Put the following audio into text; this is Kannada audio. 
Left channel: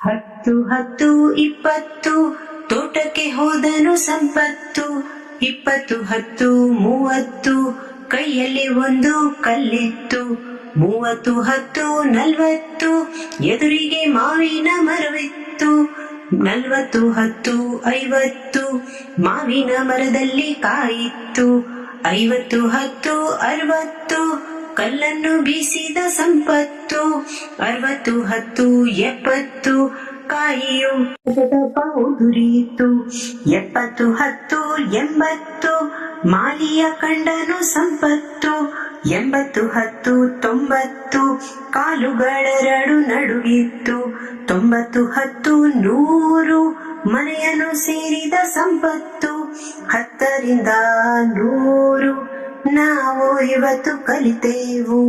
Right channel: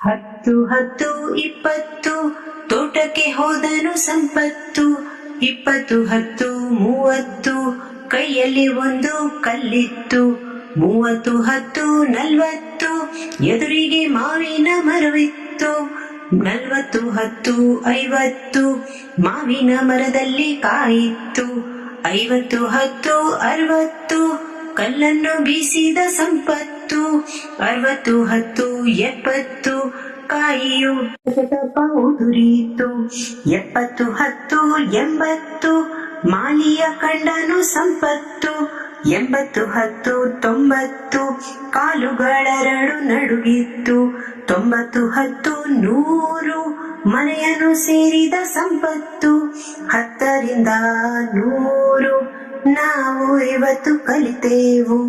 ಹತ್ತು ಹತ್ತು ಇಪ್ಪತ್ತು ತೋಟಕ್ಕೆ ಹೋದನು ಸಂಪತ್ತು. 20 10 30 ಕೈಯಲ್ಲಿ ಒಂದು ಕಲ್ಲಿತ್ತು. 30 10 40 ಎದುರಿಗೆ ಮಾವಿನ ಮರವಿತ್ತು. 40 10 50 ಮಾವಿನ ಮರದಲ್ಲಿ ಕಾಯಿತ್ತು. 50 10 60 ಕಲ್ಲನ್ನು ಬೀಸಿದ ಸಂಪತ್ತು. 60 10 70 ಕಾಯಿಯು ಉದುರಿಯಿತು. 70 10 80 ಮಾಲಿಯ ಕಂಡನು ಸಂಪತ್ತು. 80 10 90 ಕಾಲುಗಳೆರಡು ನಡುಗಿತ್ತು. 90 10 100 ಮನೆಯನ್ನು ಸೇರಿದ ಸಂಪತ್ತು. 10 ರಿಂದ 100 ನಾವು ಇವತ್ತು ಕಲಿತೆವು.